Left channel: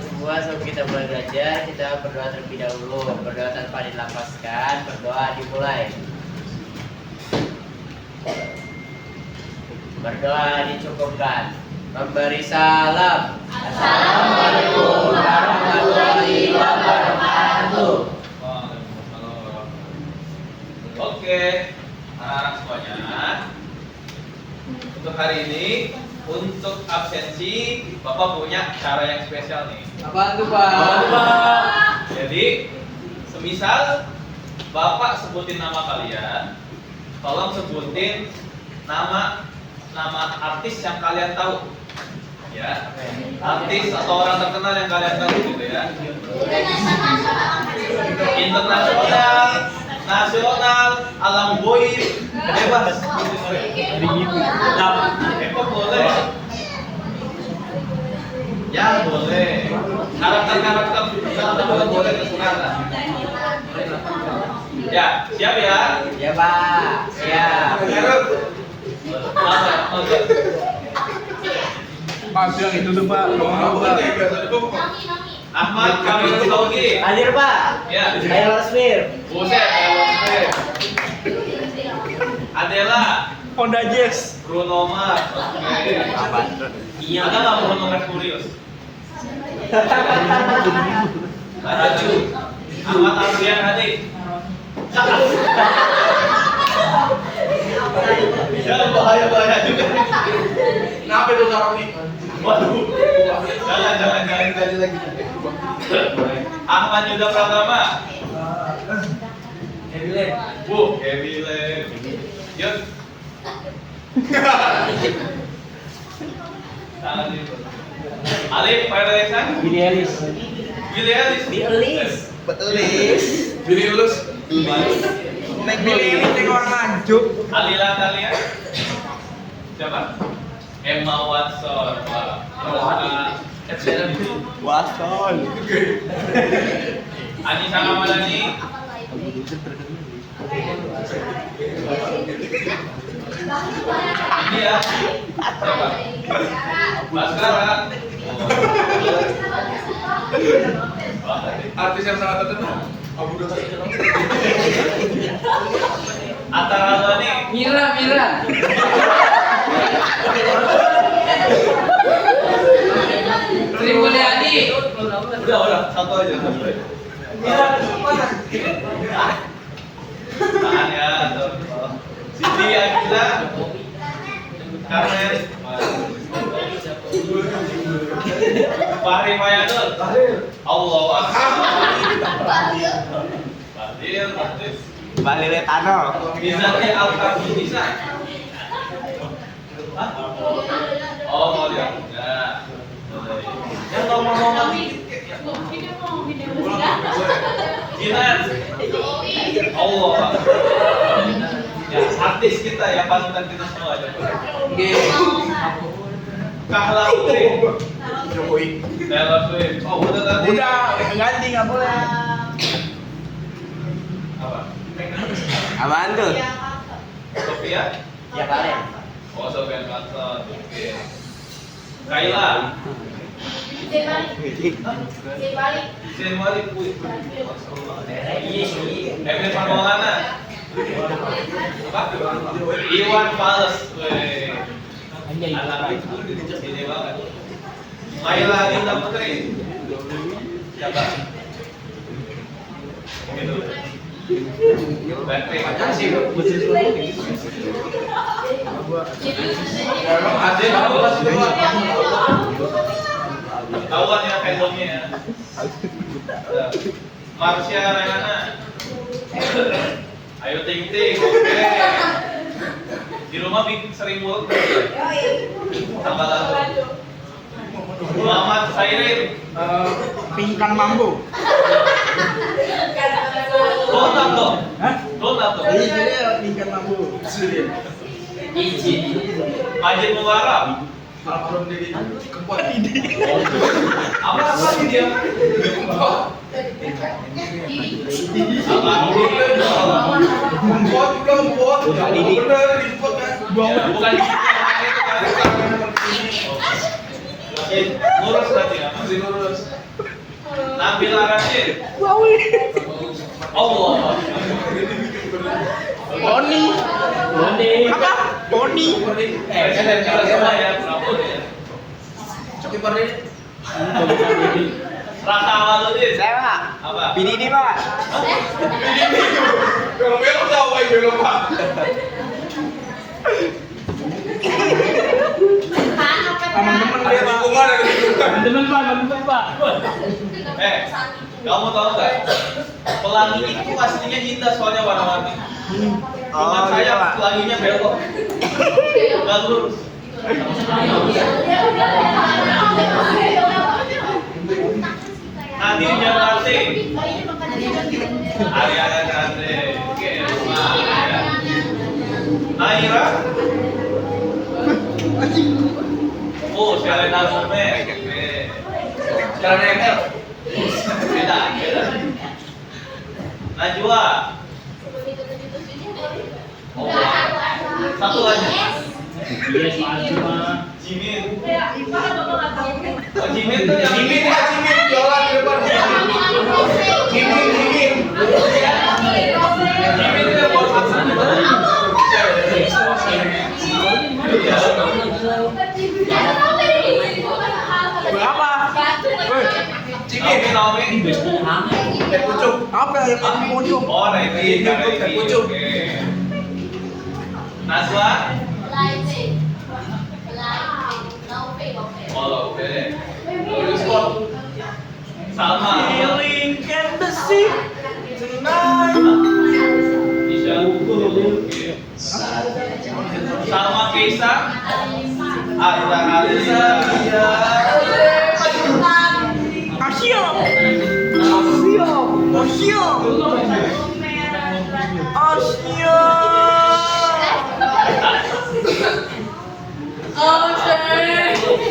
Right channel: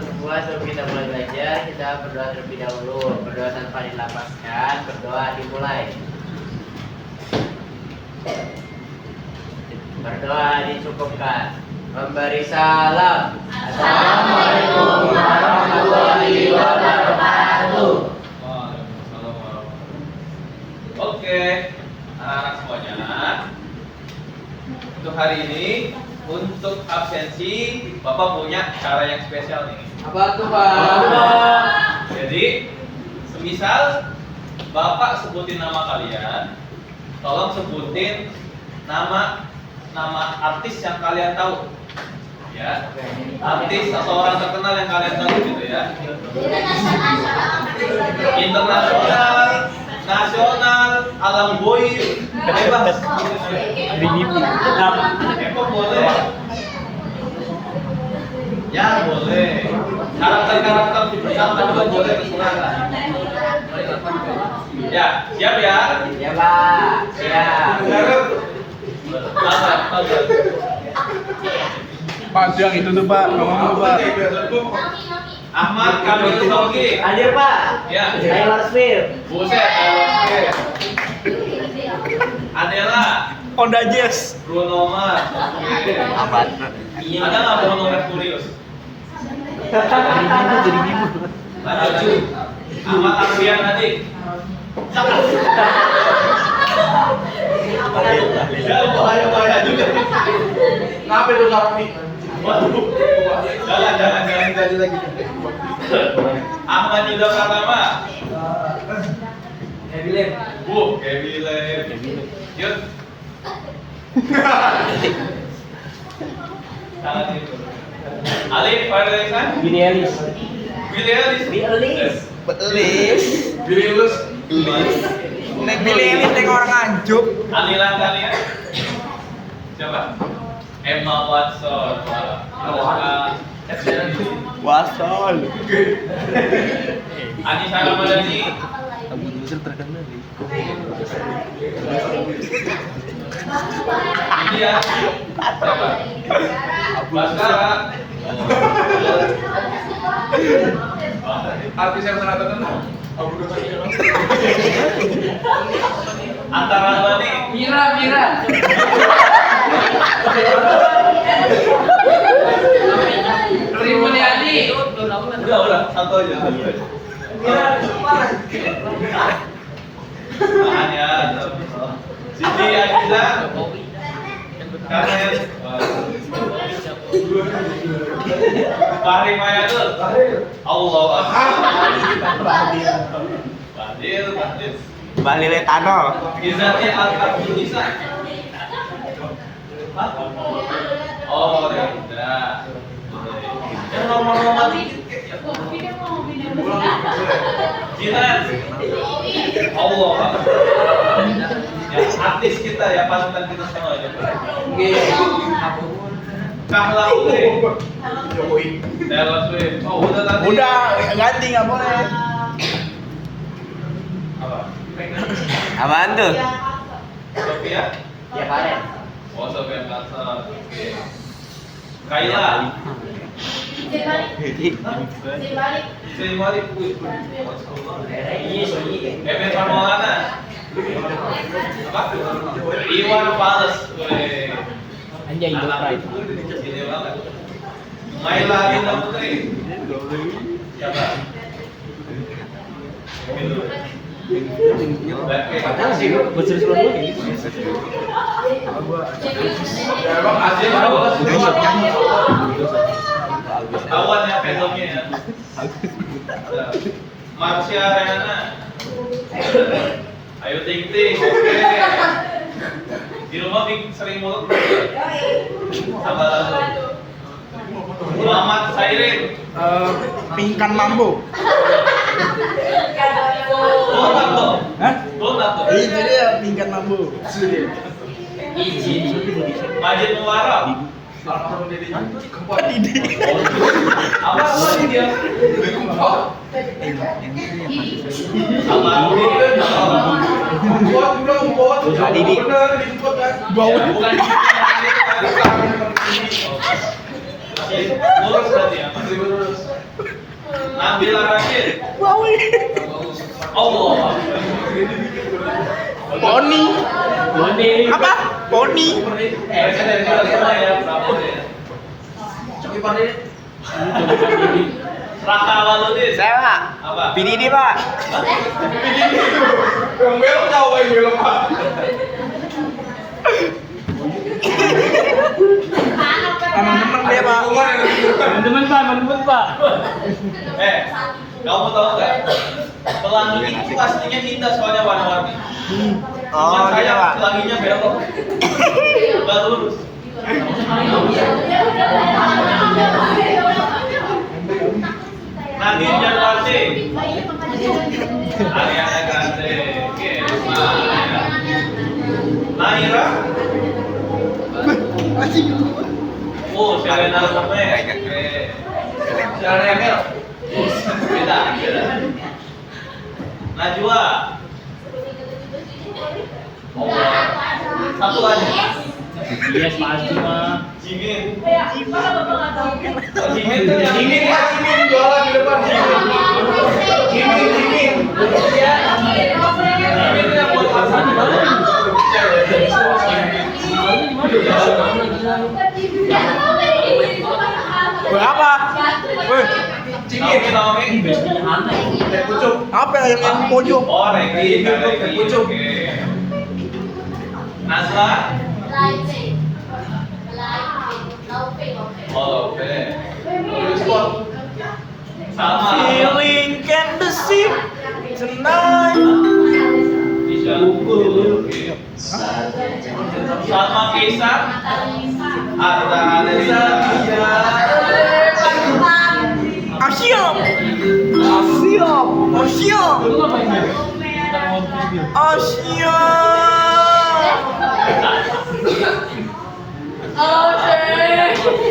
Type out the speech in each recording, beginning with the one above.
semua sebelum kita mulai belajar, kita berdoa terlebih dahulu. Berdoa tanpa dilapaskan, berdoa dimulai. Berdoa dicukupkan. Memberi salam. Assalamualaikum warahmatullahi wabarakatuh. Waalaikumsalam warahmatullahi wabarakatuh. Oke, anak-anak semuanya. Untuk hari ini, untuk absensi, Bapak punya cara yang spesial nih. Apa tuh, Pak? Jadi, semisal Bapak sebutin nama kalian, tolong sebutin nama artis yang kalian tahu. Ya, artis atau orang terkenal yang kalian tahu gitu ya. Internasional, nasional, alam goib, bebas. Kok boleh? Ya boleh. Karakter misalnya juga boleh terserah lah. Ya, siap ya? Ya, Pak. Siap. Apa? Pas yang itu tuh Pak, Ahmad Kamil Tauhid. Hadir, Pak. Ya. Taylor Swift. Buset, Adela. Honda Jazz. Bruno Mars. Oke. Ada nggak Bruno Mercurius? Lanjut. Ahmad Arfian Adik. Ya bahaya juga. Kenapa itu Karoni? Waduh. Jangan Jadi lagi. Ahmad Yuda Pratama. Happy Lab. Kevin Lem. Yuk. Tangan itu. Alif Fardaisan. Billie Eilish. Billy Ellis. Billy Eilish. Billy Eilish yang orang anjuk. Alilan kalian. Siapa? Emma Watson. Wah, kita sudah Ed ini. Watson. Anissa Ramadhani. Ini ya. Siapa? Baskara. Artis yang sangat terkenal. Antara lo nih. Mira. Sri Mulyani. Udah, satu aja. Tahan ya. Siti Agiza. Karmen. Fahri Mayadul. Allahu Akbar. Fadil. Bali Retano. Izati Al-Kartunisa. Oh, ya udah. Yang normal-normal dikit kayak ya. Jinan. Allah. Ya, artis kita ya, panutan kita semua aja. Kahla Putri. Taylor Swift. Oh, udah tadi. Udah, ganti nggak boleh. Apa? Apaan tuh? Sofia? Ya, Pak. Oh, Sofian Carter. Oke. Kaila. Zain Malik. Wih. Evan Maulana. Apa? Iwan Fals. Wih. Anjay. Anak itu gede banget. Maila Dinda Putri. Siapa? Gitu. Blackpink. Ketahuan ya fandomnya ya. Marsha Renana. Ayu Ting Ting. Oke. Di rumah sering mulut. Tambah lagu. Muhammad Sairin. Pingkan Mambo. Donat dong. Hah? Donat dong. Iya dia Pingkan Mambo. Izin. Majid Mubarak. Kempot ide. Apa sih dia? Almarhum Kempot. Bener, diimport kan. bukan itu kan. Masih lurus berarti ya. Masih lurus. Nabila Rashid. Allah. Boni. Boni. Apa? Boni. Presiden kita semua ya, Prabowo ya. Coki Pardede. Raka Waludin. Saya Pak. Apa? PDD Pak. Hah? Yang belok tahu yang belok Pak. Teman-teman dia Pak. Teman-teman Pak. Kamu tahu nggak? Pelangi itu aslinya indah soalnya warna-warni. Cuman Oh, saya iya, Pak. pelanginya belok. Nggak lurus. Nadine Jakarta. Ariana Grande. Oke, nah, ya. Naira. Oh, Selena Gomez. Oke. Selena Emel. Beda. Najwa. Oh, satu lagi. Yes, maju mah. Jimin. Oh, Jimin tuh yang Jimin ya, Jimin jualan di depan. Jimin. Jimin tuh yang buat masak. Berapa? Naomi. Apa yang paling pojok? Oh, Regi. Oke. Nazla. Oh, Lope. Salma. Feeling can the sea tonight. Isya. Oke. Salma Keisa. Arda Alisa. Asia.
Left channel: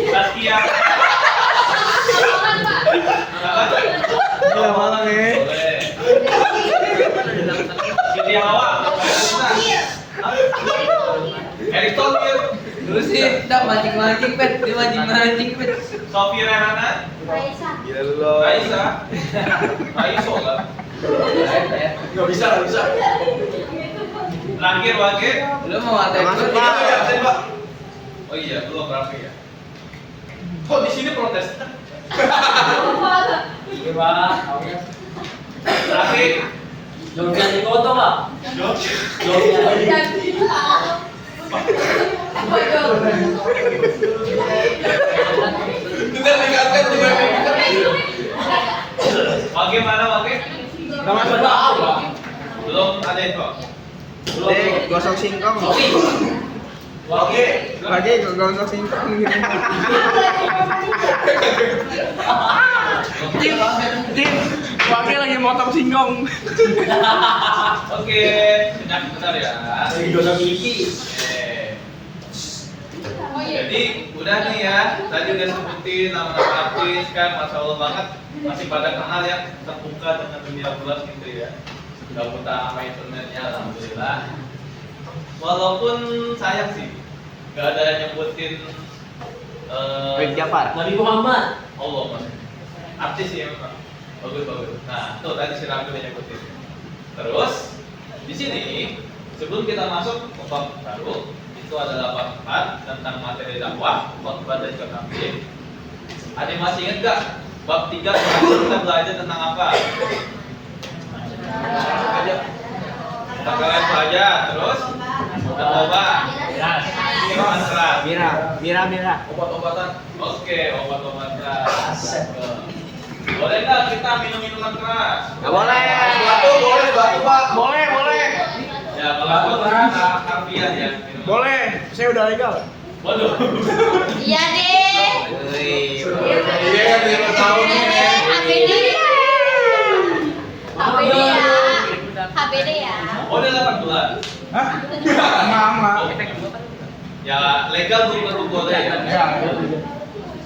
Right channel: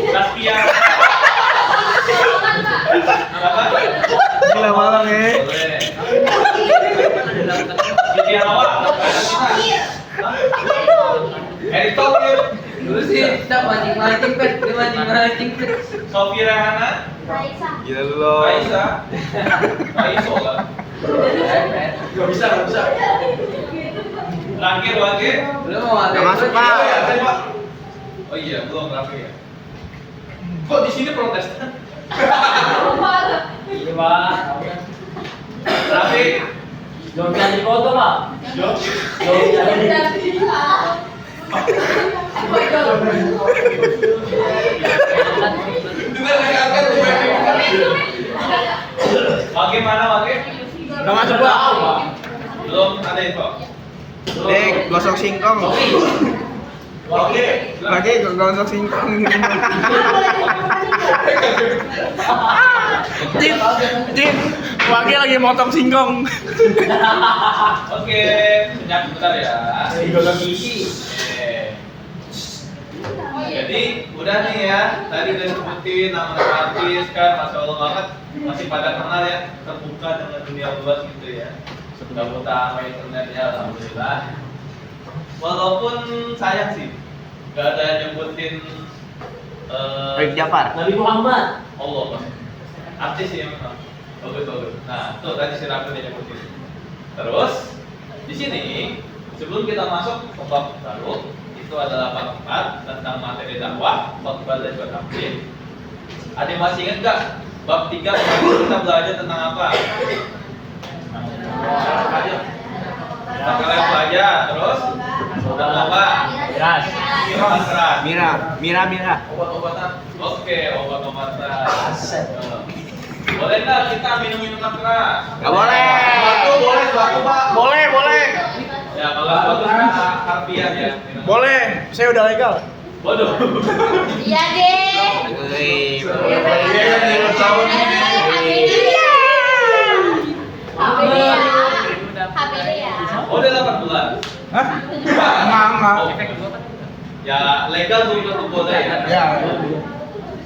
Saskia. Apa? Gila banget ya. Boleh. Siti Hawa. Erick Thohir. Terus sih, tak mancing-mancing, Pet. Dia mancing-mancing, Pet. Sofia Rahana. Gila lu. Raisa. Raiso kan. Gak bisa. Terakhir Wage. Lu mau ada Masuk, Pak. Tadi Pak. Oh iya, belum rapi ya. Kok di sini protes? Iya, Pak. Rapi. Jordan di foto, Pak. Kita meningkatkan juga. Wage mana Wage? Udah masuk Pak. Belum ada info. Dek, gosok singkong. Oke. Lagi gosok singkong. Jin, Wage lagi motong singkong. Oke, senyap bentar ya. Gosok gigi. Jadi udah nih ya, tadi udah sebutin nama-nama artis kan, masya Allah banget, masih pada kenal ya, terbuka dengan dunia luas gitu ya. Sudah buta sama internet ya, alhamdulillah. Walaupun sayang sih, gak ada yang nyebutin Baik Jafar. Nabi Muhammad. Allah mas, artis sih memang bagus. Nah, tuh tadi si Raffi udah nyebutin. Terus di sini sebelum kita masuk ke bab baru, itu adalah bab 4 tentang materi dakwah, khotbah dan juga taklim. Ada yang masih ingat gak? Bab 3 kemarin kita belajar tentang apa? Kita kalian belajar terus dan apa? Keras. Minuman keras. Mira. Obat-obatan. Oke, obat-obatan. Boleh nggak kita minum minuman keras? Gak boleh. Batu Pak. Boleh. Ya kalau batu harfiah ya. Minuman. Boleh. Saya udah legal. Waduh. Iya deh. Iya nih, mau tahun ini. HBD ya. HBD ya. Oh, udah 18. Hah? Enggak. Oh, ya legal belum boleh ya. Ya.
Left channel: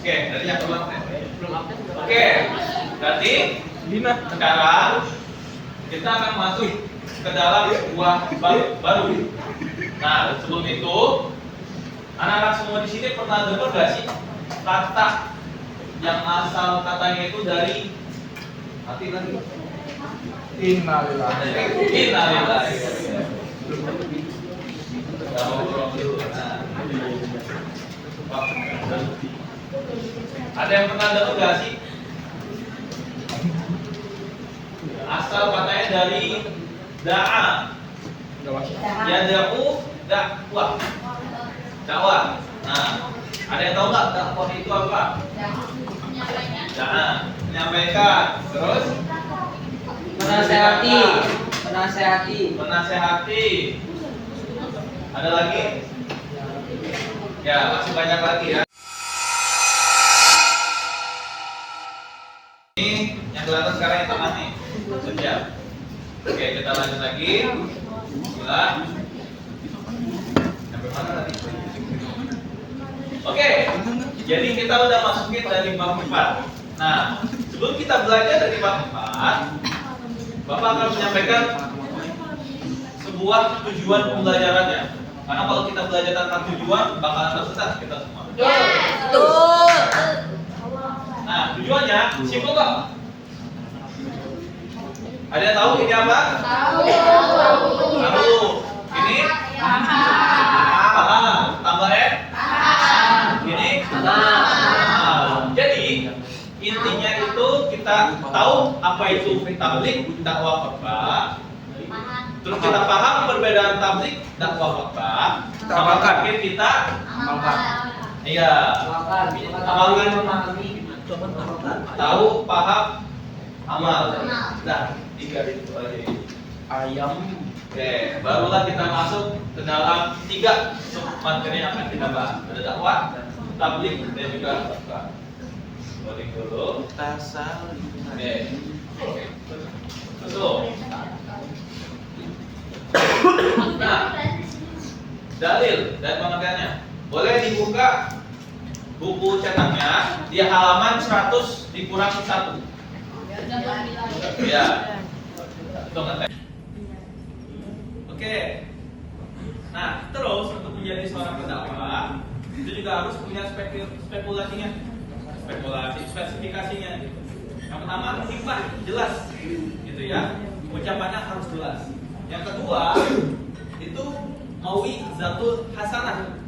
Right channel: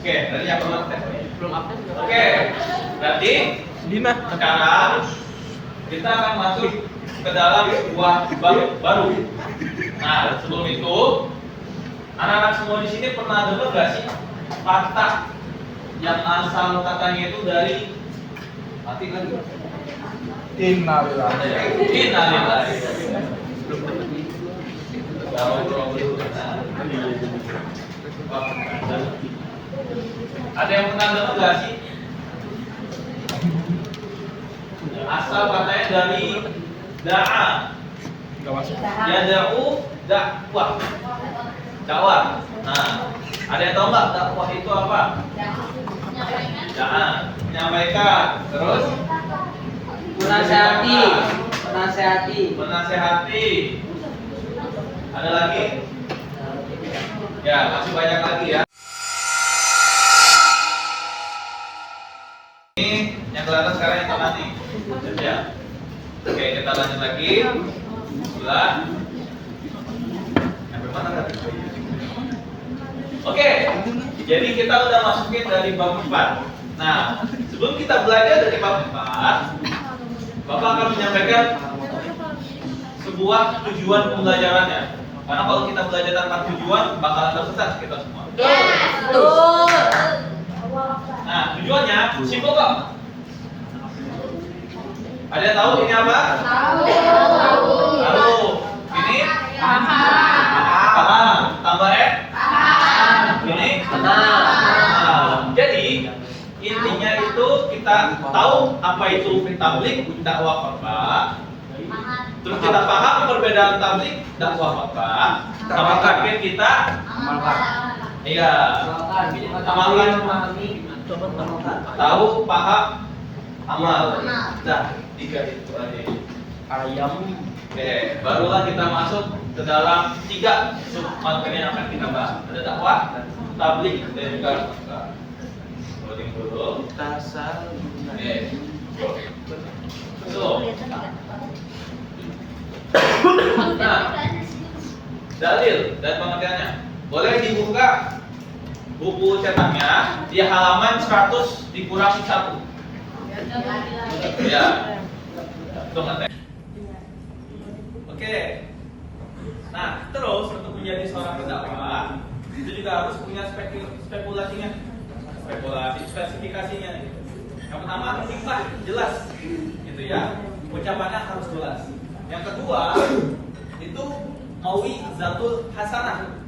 Oke, dari yang belum Oke, berarti Dina. sekarang kita akan masuk ke dalam sebuah baru. Nah, sebelum itu, anak-anak semua di sini pernah dengar gak sih kata yang asal katanya itu dari Mati lagi. Innalillahi. Innalillahi. Nah. Wah, ada yang pernah dengar nggak sih? Asal katanya dari da'a. Yada'u dakwah. Dakwah. Nah, ada yang tahu nggak dakwah itu apa? Da'a, menyampaikan. Terus Menasehati. menasehati. Ada lagi? Ya, masih banyak lagi ya. Ini yang kelihatan sekarang yang tengah nih. Sudah. Oke, kita lanjut lagi. Bismillah. Sampai mana tadi? Oke. Jadi kita udah masukin dari bab 4. Nah, sebelum kita belajar dari bab 4, Bapak akan menyampaikan sebuah tujuan pembelajarannya. Karena kalau kita belajar tanpa tujuan, bakalan tersesat kita semua. Betul. Nah, tujuannya simpel kok. Ada yang tahu ini apa? Tahu. Ini? Paham. Tambah Ini? Jadi intinya itu kita tahu apa itu tabligh dakwah khotbah. Terus kita paham perbedaan tabligh dakwah khotbah. Sama terakhir kita iya amalkan, tahu, paham, amal. Nah, 3 itu aja. Ayam. Oke, barulah kita masuk ke dalam 3 sub materi yang akan kita bahas. Ada dakwah, tabligh, dan juga khotbah. Loading dulu. Oke. Betul. Nah, dalil dan pengertiannya. Boleh dibuka buku cetaknya di halaman 100 dikurang 1. Ya. Tuh ngetek. Oke. Nah, terus untuk menjadi seorang pendakwah itu juga harus punya spekulasinya. Spesifikasinya gitu. Yang pertama hikmah jelas gitu ya. Ucapannya harus jelas. Yang kedua itu mau'izatul hasanah.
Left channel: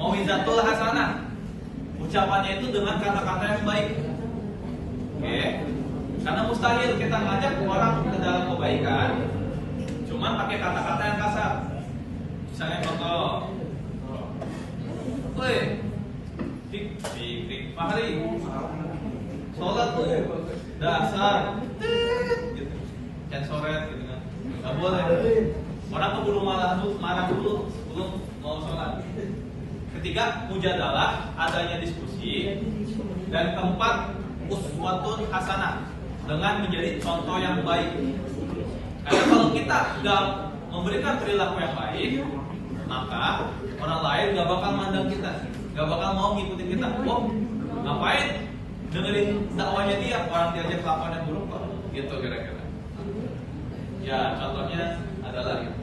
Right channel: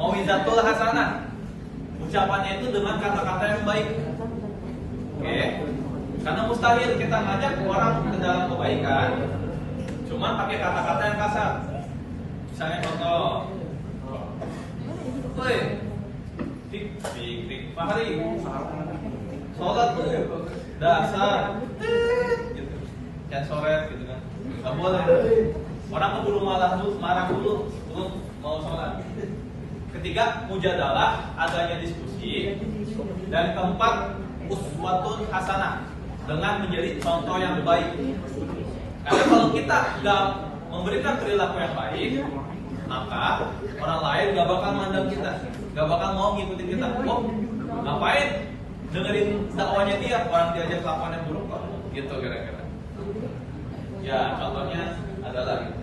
Mau'izatul hasanah. Ucapannya itu dengan kata-kata yang baik. Oke. Karena mustahil kita ngajak orang ke dalam kebaikan cuman pakai kata-kata yang kasar. Misalnya contoh, woi, Fik Fahri, sholat tuh dasar, gitu, censoret gitu kan, nggak boleh. Orang keburu marah dulu, belum mau sholat. Ketiga, mujadalah, adanya diskusi. Dan keempat, uswatun hasanah, dengan menjadi contoh yang baik. Karena kalau kita nggak memberikan perilaku yang baik, maka orang lain nggak bakal mandang kita, nggak bakal mau ngikutin kita. Oh, ngapain dengerin dakwanya dia, orang diajak kelakuannya buruk kok, gitu kira-kira. Ya, contohnya adalah gitu.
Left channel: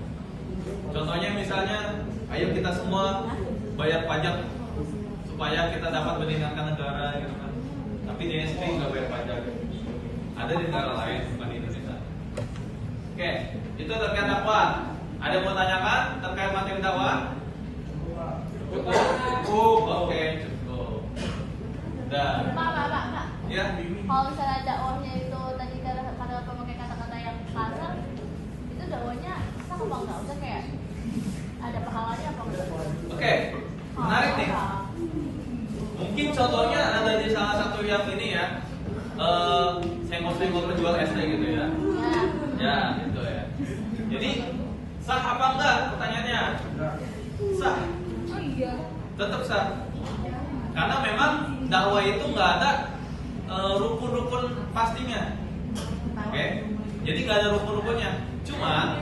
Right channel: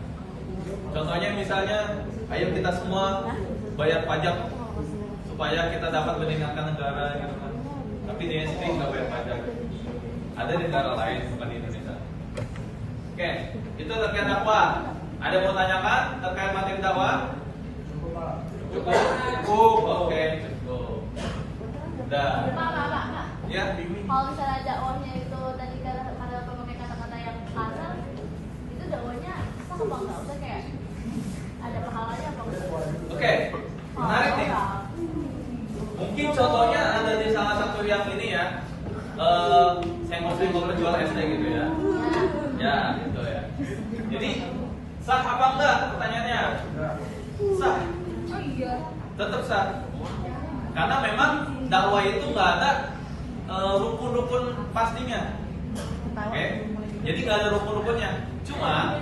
Contohnya misalnya, ayo kita semua bayar pajak supaya kita dapat meningkatkan negara, gitu kan. Tapi dia sendiri nggak bayar pajak. Ada di negara lain, bukan di Indonesia. Oke, itu terkait dakwah. Ada yang mau tanyakan terkait materi dakwah? Cukup. Oke, cukup. Dah. Ya. Kalau misalnya dakwahnya itu tadi karena memakai kata-kata yang kasar, itu dakwahnya sama nggak usah kayak ada pahalanya apa enggak? Oke, menarik nih. Mungkin contohnya ada di salah satu yang ini ya, senggol-senggol penjual SD gitu ya. Ya, gitu ya. Jadi sah apa enggak? Pertanyaannya. Sah. Tetap sah. Karena memang dakwah itu nggak ada rukun-rukun pastinya. Oke. Jadi nggak ada rukun-rukunnya. Cuma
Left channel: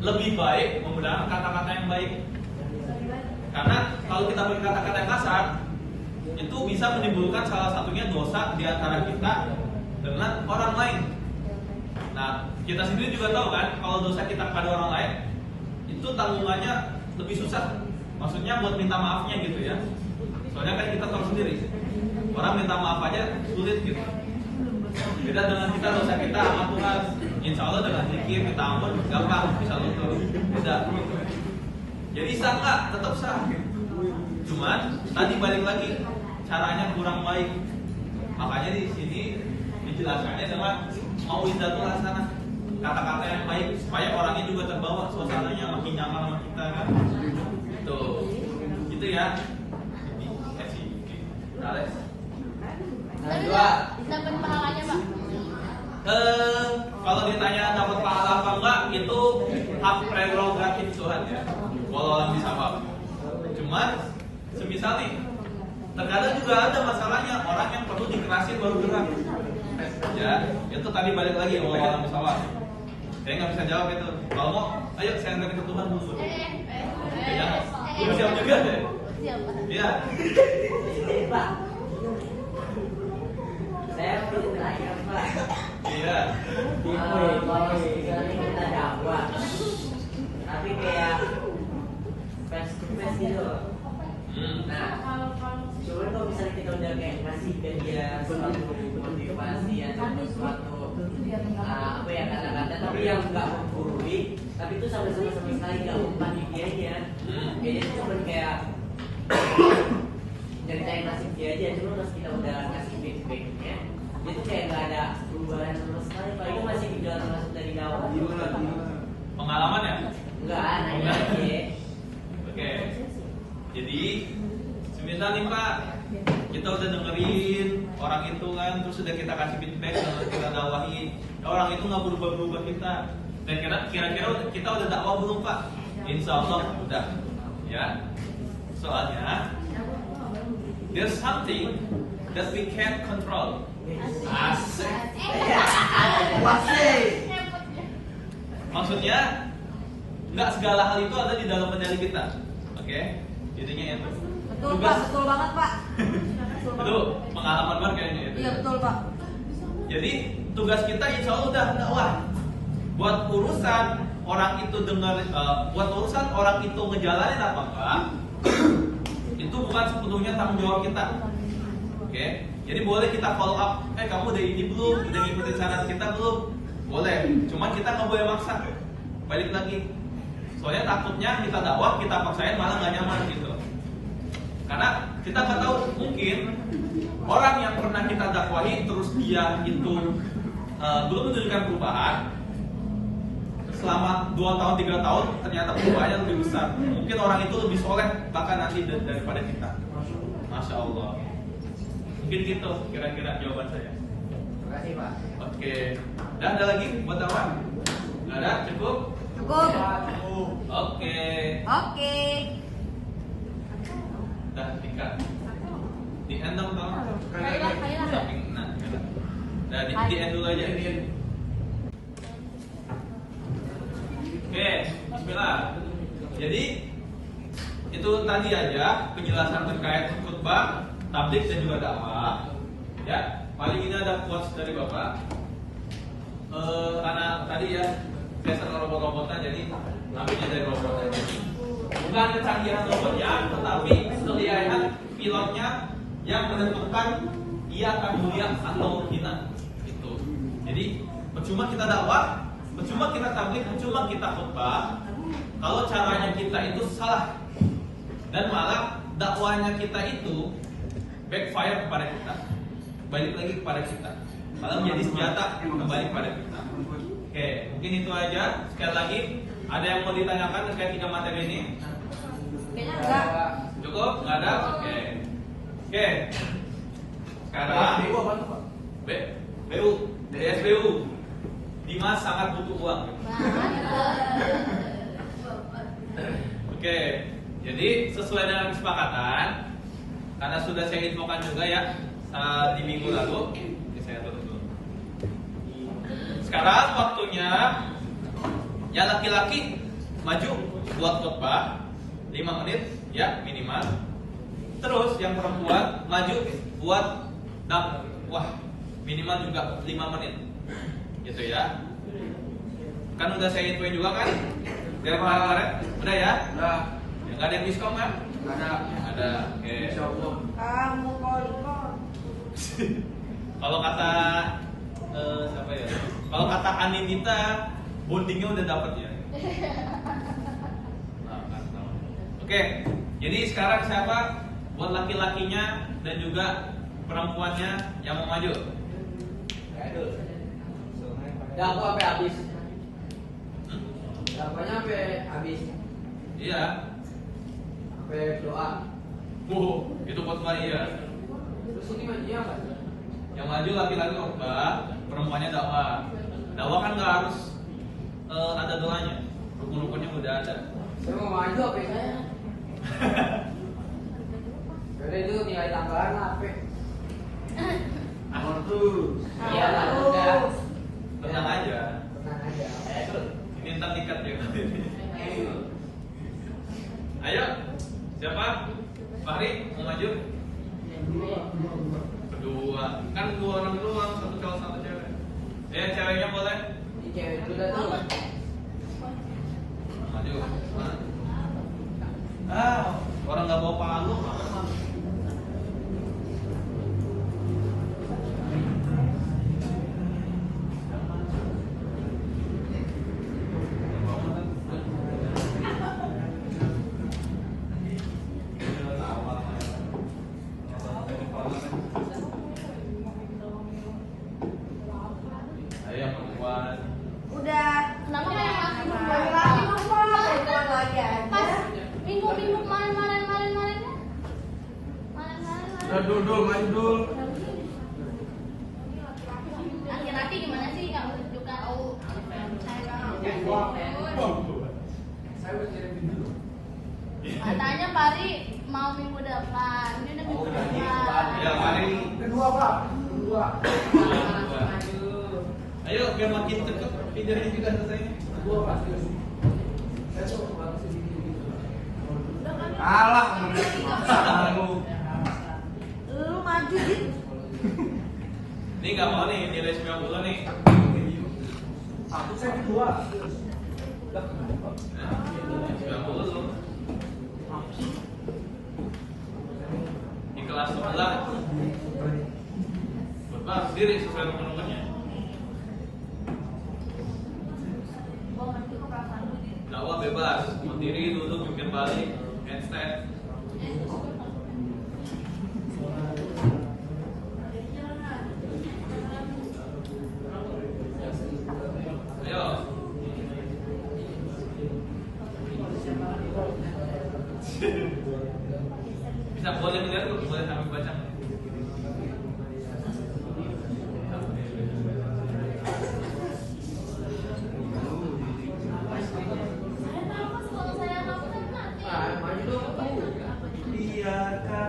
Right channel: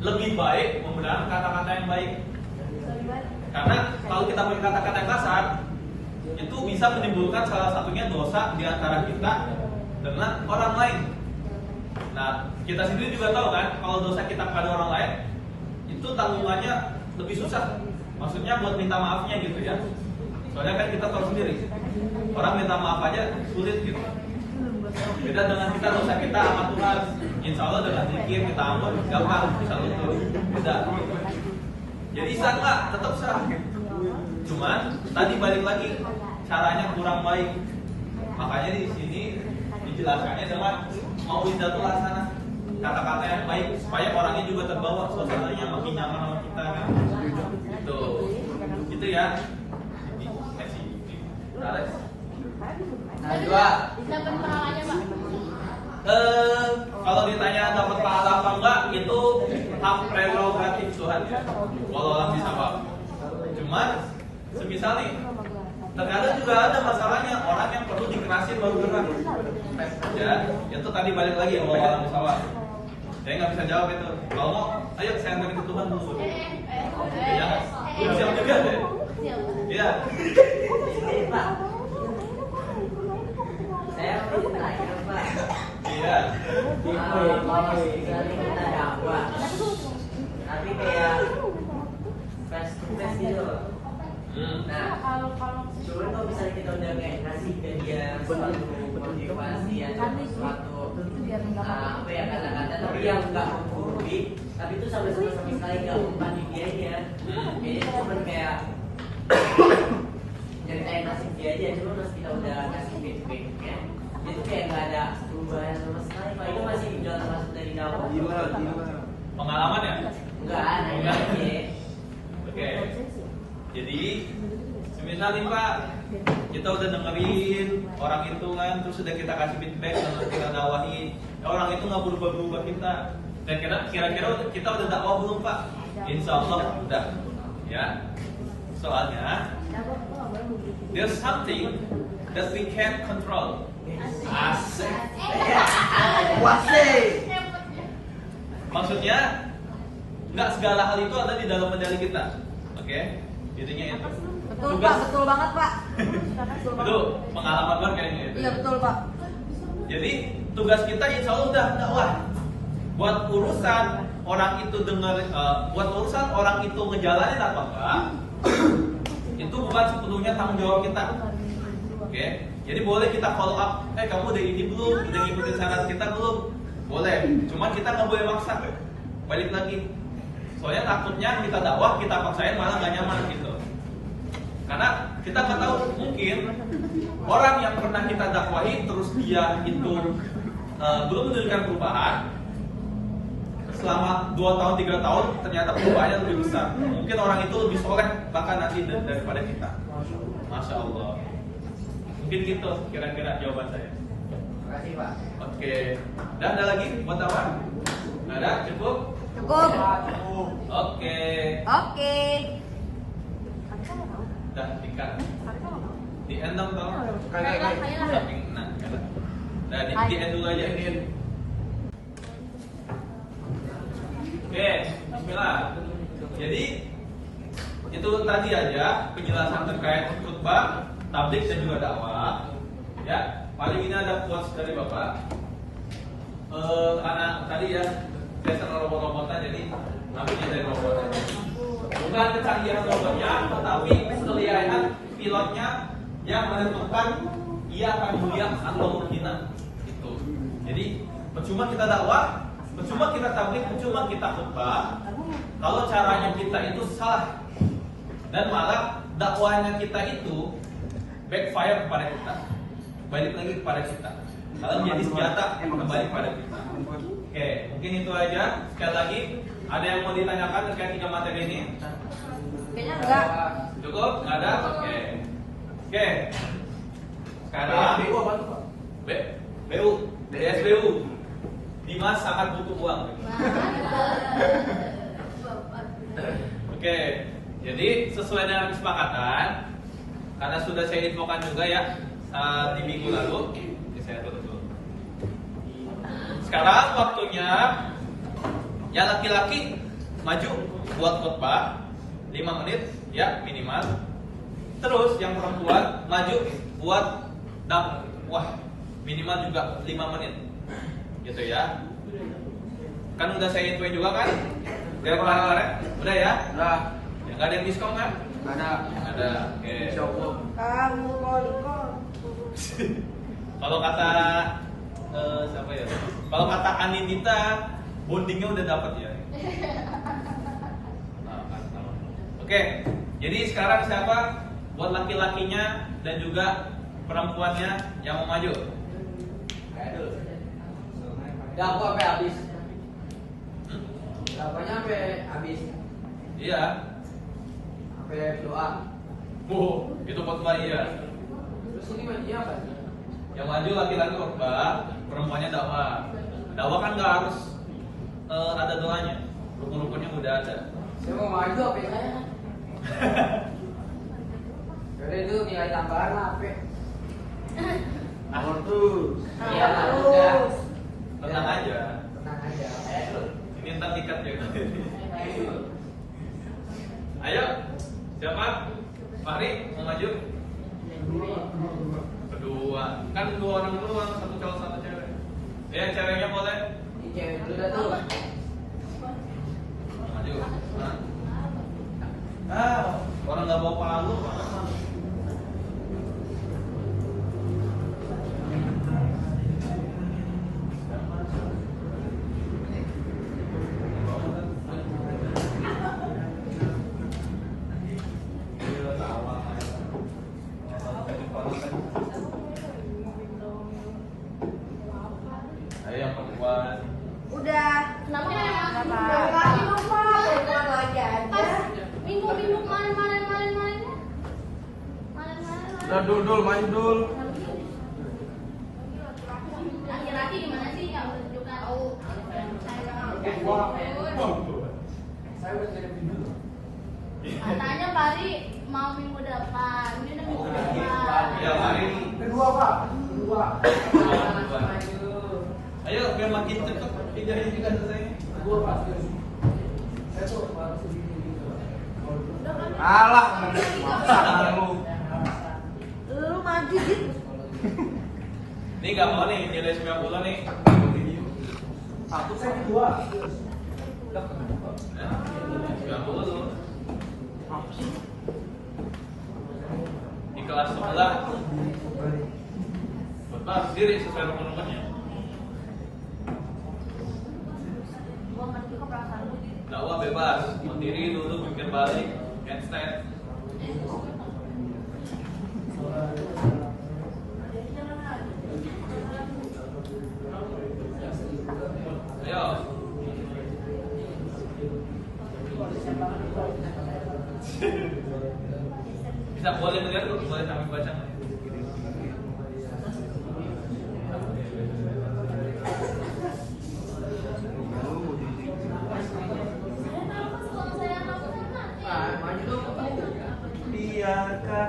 lebih baik menggunakan kata-kata yang baik. Karena kalau kita pakai kata-kata yang kasar, itu bisa menimbulkan salah satunya dosa di antara kita dengan orang lain. Nah, kita sendiri juga tahu kan, kalau dosa kita kepada orang lain, itu tanggungannya lebih susah. Maksudnya buat minta maafnya gitu ya. Soalnya kan kita tahu sendiri, Orang minta maaf aja sulit gitu. Beda dengan kita, dosa kita sama Tuhan. Insya Allah dengan zikir kita ampun gampang, bisa luntur. Beda. Jadi sah nggak? Tetap sah. Cuman tadi balik lagi caranya kurang baik. Makanya di sini dijelaskannya dengan mau'izatul hasanah, kata-kata yang baik supaya orangnya juga terbawa, suasananya makin nyaman sama kita kan. Itu ya. Alex. Kedua, dapat pahalanya Pak. Kalau ditanya dapat pahala apa enggak, itu hak prerogatif Tuhan ya. Kalau orang bisa paham. Cuman, semisal nih, terkadang juga ada masalahnya orang yang perlu dikerasin baru gerak. Ya, itu tadi balik lagi kalau orang bisa paham. Saya nggak bisa jawab itu. Kalau mau, ayo saya angkat ke Tuhan dulu. Ya, jangan. Lu siap juga deh. Iya. saya perlu tanya Pak. Iya. Tapi kayak fast gitu. Nah, kalau bisa kita udah kayak ngasih ke dia suatu motivasi atau suatu apa ya kata-kata tapi yang nggak menggurui, tapi itu sama sekali nggak membantu dia aja. Kayaknya itu cuma kayak jadi kayak ngasih dia aja, cuma pas kita udah ngasih feedbacknya itu kayak nggak ada perubahan sama sekali. Paling masih di dalam masuk dari dalam. Pengalaman ya? Enggak ada. Oke. Jadi, semisal nih Pak, kita udah dengerin orang itu kan, terus sudah kita kasih feedback, dan kita dakwahi, orang itu nggak berubah-berubah kita. Dan kira-kira kita udah dakwah belum Pak? Insya Allah udah. Ya. Soalnya, there's something that we can't control. Asik. Maksudnya, nggak segala hal itu ada di dalam kendali kita. Oke? Intinya itu. Betul Pak, betul banget Pak. Itu pengalaman gue kayaknya itu. Iya betul Pak. Jadi tugas kita insya Allah udah dakwah. Buat urusan orang itu dengar, buat urusan orang itu ngejalanin apa enggak, itu bukan sepenuhnya tanggung jawab kita. Oke? Jadi boleh kita follow up. Kamu udah ini belum? Udah ngikutin saran kita belum? Boleh. Cuman kita nggak boleh maksa. Balik lagi. Soalnya takutnya kita dakwah, kita paksain malah nggak nyaman gitu. Karena kita nggak tahu, mungkin orang yang pernah kita dakwahi terus dia itu belum menunjukkan perubahan. Selama 2 tahun, 3 tahun ternyata perubahannya lebih besar. Mungkin orang itu lebih soleh bahkan nanti daripada kita. Masya Allah. Mungkin gitu kira-kira jawaban saya. Terima kasih Pak. Oke. Dan ada lagi buat apa? Nggak ada? Cukup? Cukup. Oke. Oke. Dah tingkat. Di end dong tau? Samping nah, dah di end dulu aja. Oke, bismillah. Jadi itu tadi aja penjelasan terkait khutbah, tabligh dan juga dakwah. Ya, paling ini ada quotes dari Bapak. Karena tadi ya biasa robot-robotan, jadi ambilnya dari robot aja. Bukan kecanggihan robotnya, tetapi kelihayan pilotnya yang menentukan ia akan mulia atau menghina. Itu. Jadi percuma kita dakwah, percuma kita tabligh, percuma kita khutbah kalau caranya kita itu salah. Dan malah dakwahnya kita itu backfire kepada kita. Balik lagi kepada kita. Malah menjadi senjata kembali kepada kita. Oke, mungkin itu aja. Sekali lagi, ada yang mau ditanyakan terkait 3 materi ini? Kayaknya enggak. Cukup? Nggak ada? Oke. Oke. Sekarang BU, DSBU. Dimas sangat butuh uang. Oke. Jadi sesuai dengan kesepakatan, karena sudah saya infokan juga ya di minggu lalu, ini saya tutup dulu. Sekarang waktunya ya laki-laki maju buat khutbah 5 menit ya minimal. Terus yang perempuan maju buat dakwah minimal juga 5 menit. Gitu ya. Kan udah saya infoin juga kan? Dari kemarin-kemarin? Udah ya? Udah. Ya, nggak ada yang diskon kan? Nggak ada. Ada. Oke. Insya Allah. Kamu mau Kalau kata siapa ya? Kalau kata Anindita, bondingnya udah dapet ya. Oke, jadi sekarang siapa buat laki-lakinya dan juga perempuannya yang mau maju? Gak aku sampai habis. Apanya sampai habis? Iya. Sampai doa. Itu khotbah iya. Terus ini maju apa? Yang maju laki-laki khotbah, perempuannya dakwah. Dakwah kan nggak harus ada doanya, rukun-rukunnya udah ada. Dia mau maju apa ya? Karena itu nilai tambahan apa? Iya lah. Tenang aja. Tenang aja. Ini ntar dikat ya. Ayo, siapa? Fahri mau maju? Kedua, kan 2 orang doang, 1 cowok 1 cewek. Ceweknya boleh? Ini cewek dulu dah tuh. Maju. Orang nggak bawa palu. Ayo yang perempuan. Udah. Namanya Kenapa? minggu kemarin. Udah dul, maju dul. Laki-laki gimana sih yang menunjukkan katanya Pari mau minggu depan, ini udah minggu depan. Ya, Fahri. Kedua pak. Ayo, biar makin cepet. Tidak juga selesai. Kedua pak. Kalah. Maksa lu. Lu maju sih. Ini nggak mau nih nilai 90 nih. Satu saya kedua. 90. Di kelas sebelah khotbah sendiri sesuai rukun-rukunnya. Gua ngerti kok perasaan lu. Dakwah bebas, berdiri, duduk, jungkir balik, handstand. Ayo. Bisa boleh melihat tuh, boleh sambil baca. Biarkan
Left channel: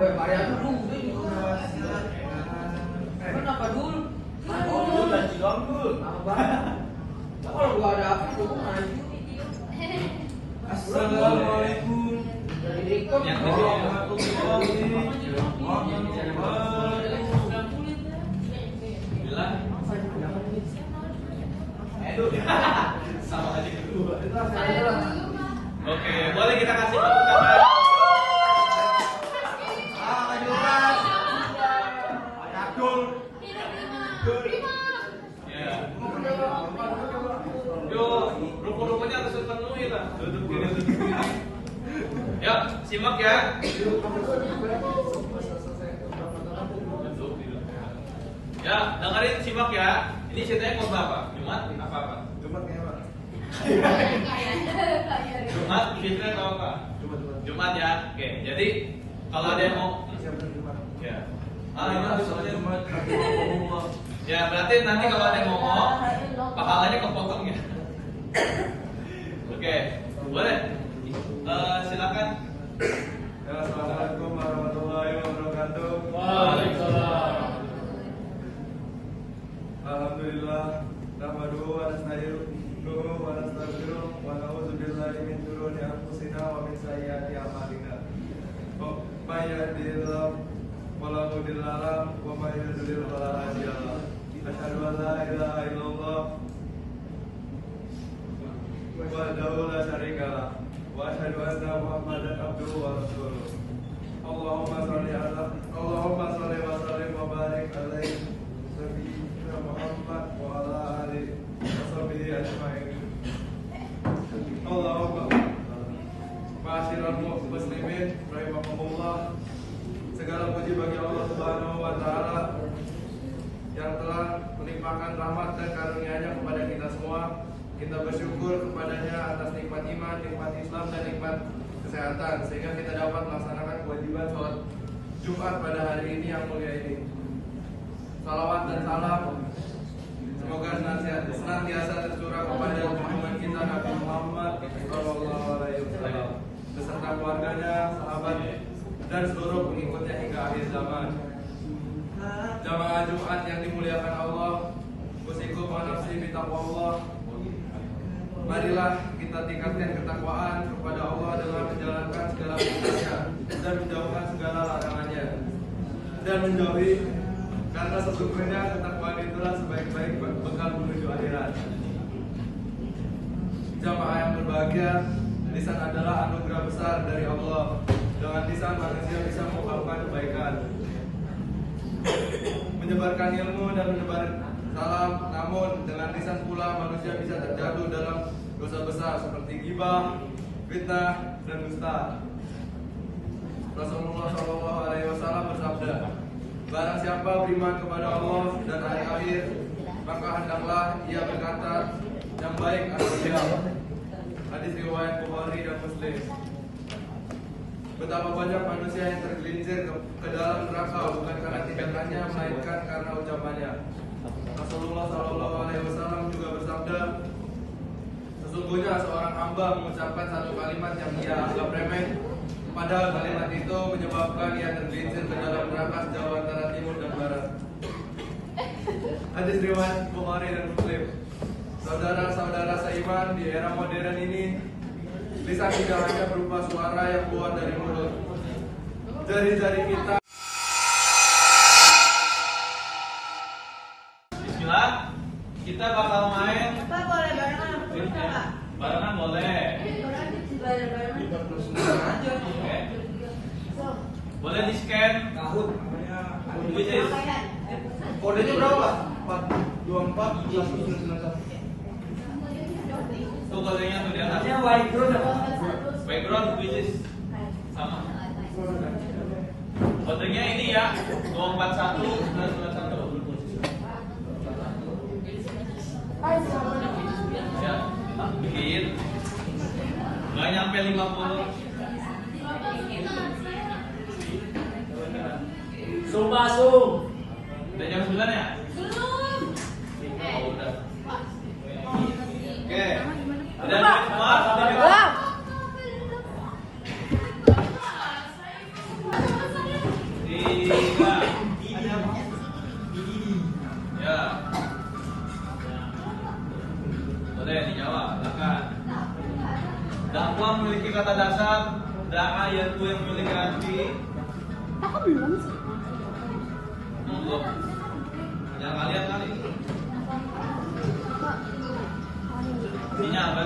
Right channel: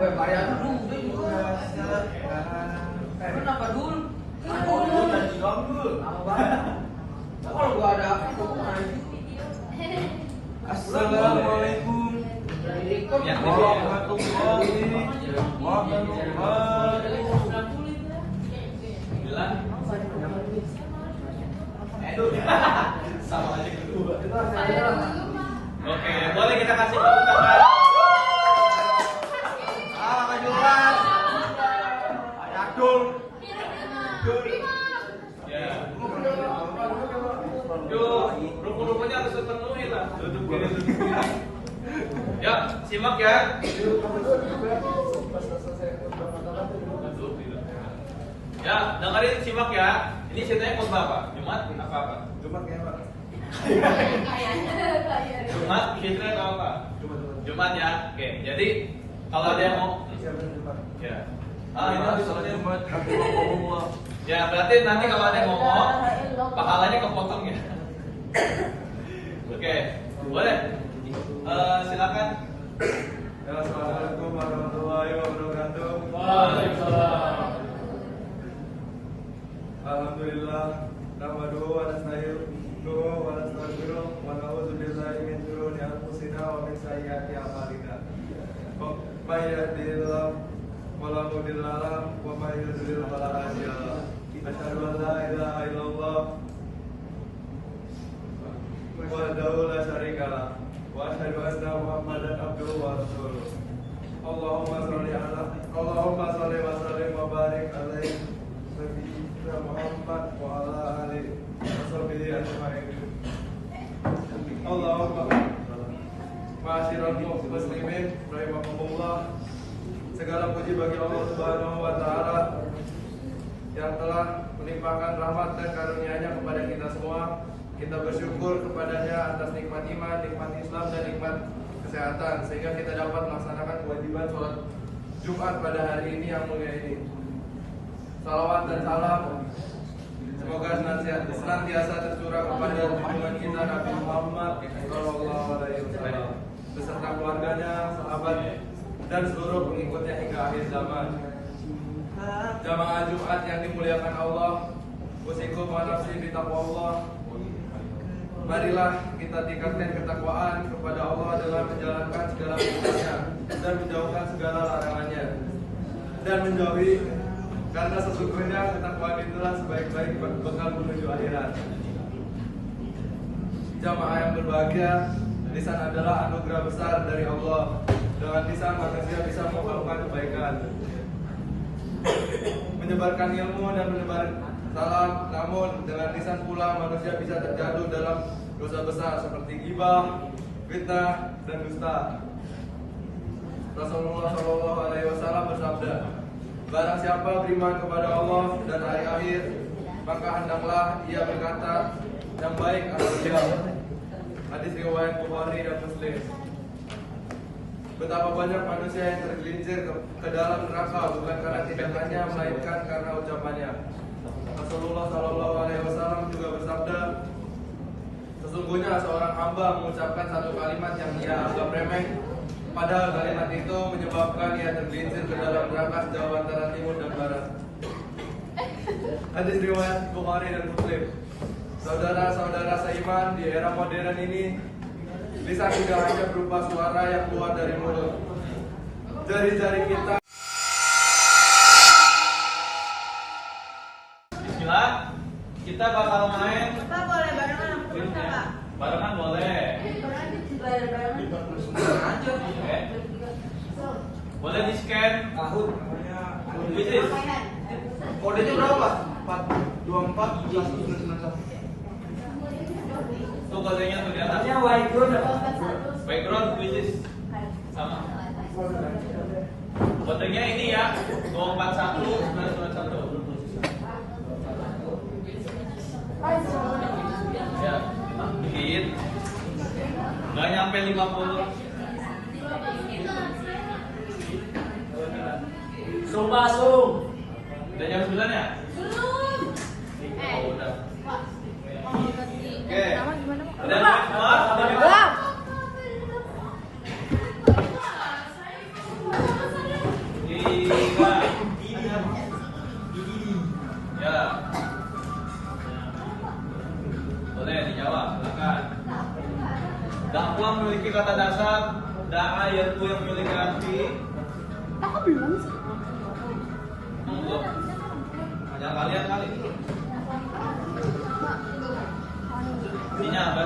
Kenapa dulu? Kalau gua ada Assalamualaikum Yang di sini. warahmatullahi wabarakatuh. Bilang. Sama aja kedua. Oke, boleh kita kasih tepuk tangan. Kejuran. Ayakul. Ya. Yuk, rukun-rukunnya harus terpenuhi lah. Duduk kiri, duduk kiri. Yuk, simak ya. Duduk, duduk. Ya, dengerin, simak ya. Ini ceritanya khotbah apa? Jumat apa? Jumat kayak apa? Jumat, Fitri atau apa? Jumat ya. Oke, jadi kalau ada yang mau Siapa Jumat? ya. Ini Ini sholat Jumat. Alhamdulillah. ya, berarti nanti kalau ada yang ngomong, pahalanya kepotong ya. Oke, boleh. Silakan. Ya, assalamualaikum warahmatullahi wabarakatuh. Alhamdulillah. Nahmaduhu wa nasta'inuhu wa nastaghfiruh wa na'udzu billahi min shururi anfusina wa min sayyiati a'malina. May yahdihillahu fala mudilla lahu wa may yudlil fala hadiya lahu. Asyhadu an la ilaha illallah wahdahu la syarika lah wa asyhadu anna Muhammadan abduhu wa rasuluh. Allahumma shalli ala Allahumma sholli wa sallim wa barik alaihi Nabiyyina Muhammad wa ala alihi wa sahbihi ajma'in. Allahumma ma'asyiral muslimin rahimakumullah. Segala puji bagi Allah Subhanahu wa taala yang telah melimpahkan rahmat dan karunia-Nya kepada kita semua. Kita bersyukur kepadanya atas nikmat iman, nikmat Islam, dan nikmat kesehatan, sehingga kita dapat melaksanakan kewajiban sholat Jumat pada hari ini yang mulia ini. Salawat dan salam semoga senantiasa tercurah kepada junjungan kita Nabi Muhammad SAW beserta keluarganya, sahabat, dan seluruh pengikutnya hingga akhir zaman. Jamaah Jumat yang dimuliakan Allah, usikum wa nafsi bi taqwallah. Marilah kita tingkatkan ketakwaan kepada Allah dengan menjalankan segala perintahnya dan menjauhkan segala larangannya, dan menjauhi, karena sesungguhnya ketakwaan itulah sebaik-baik bekal menuju akhirat. Jamaah yang berbahagia, lisan adalah anugerah besar dari Allah. Dengan lisan manusia bisa melakukan kebaikan, menyebarkan ilmu dan menebar salam. Namun dengan lisan pula manusia bisa terjatuh dalam dosa besar seperti ghibah, fitnah, dan dusta. Rasulullah SAW bersabda, barang siapa beriman kepada Allah dan hari akhir, maka hendaklah ia berkata yang baik atau diam. Hadis riwayat Bukhari dan Muslim. Betapa banyak manusia yang tergelincir ke dalam neraka bukan karena tindakannya, melainkan karena ucapannya. Rasulullah SAW juga bersabda, sesungguhnya seorang hamba mengucapkan satu kalimat yang ia anggap remeh, padahal kalimat itu menyebabkan ia tergelincir ke dalam neraka sejauh antara timur dan barat. Hadis riwayat Bukhari dan Muslim. Saudara-saudara seiman, di era modern ini, lisan tidak hanya berupa suara yang keluar dari mulut. Jari-jari kita. Bismillah, kita bakal main. Kita boleh barengan. Barengan boleh. Oke. Boleh di scan. Which is? Kodenya berapa? 424 Tuh kodenya tuh di atas. Background which is sama. Kodenya ini ya 241 ya, bikin nggak nyampe 50. Udah jam 9 ya? Oh, udah. Oke. Udah semua? Udah semua? Tiga. Ya. Boleh dijawab, silakan. Dakwah memiliki kata dasar, da'a yaitu yang memiliki arti. Belum. Ya kalian kali. Ini apa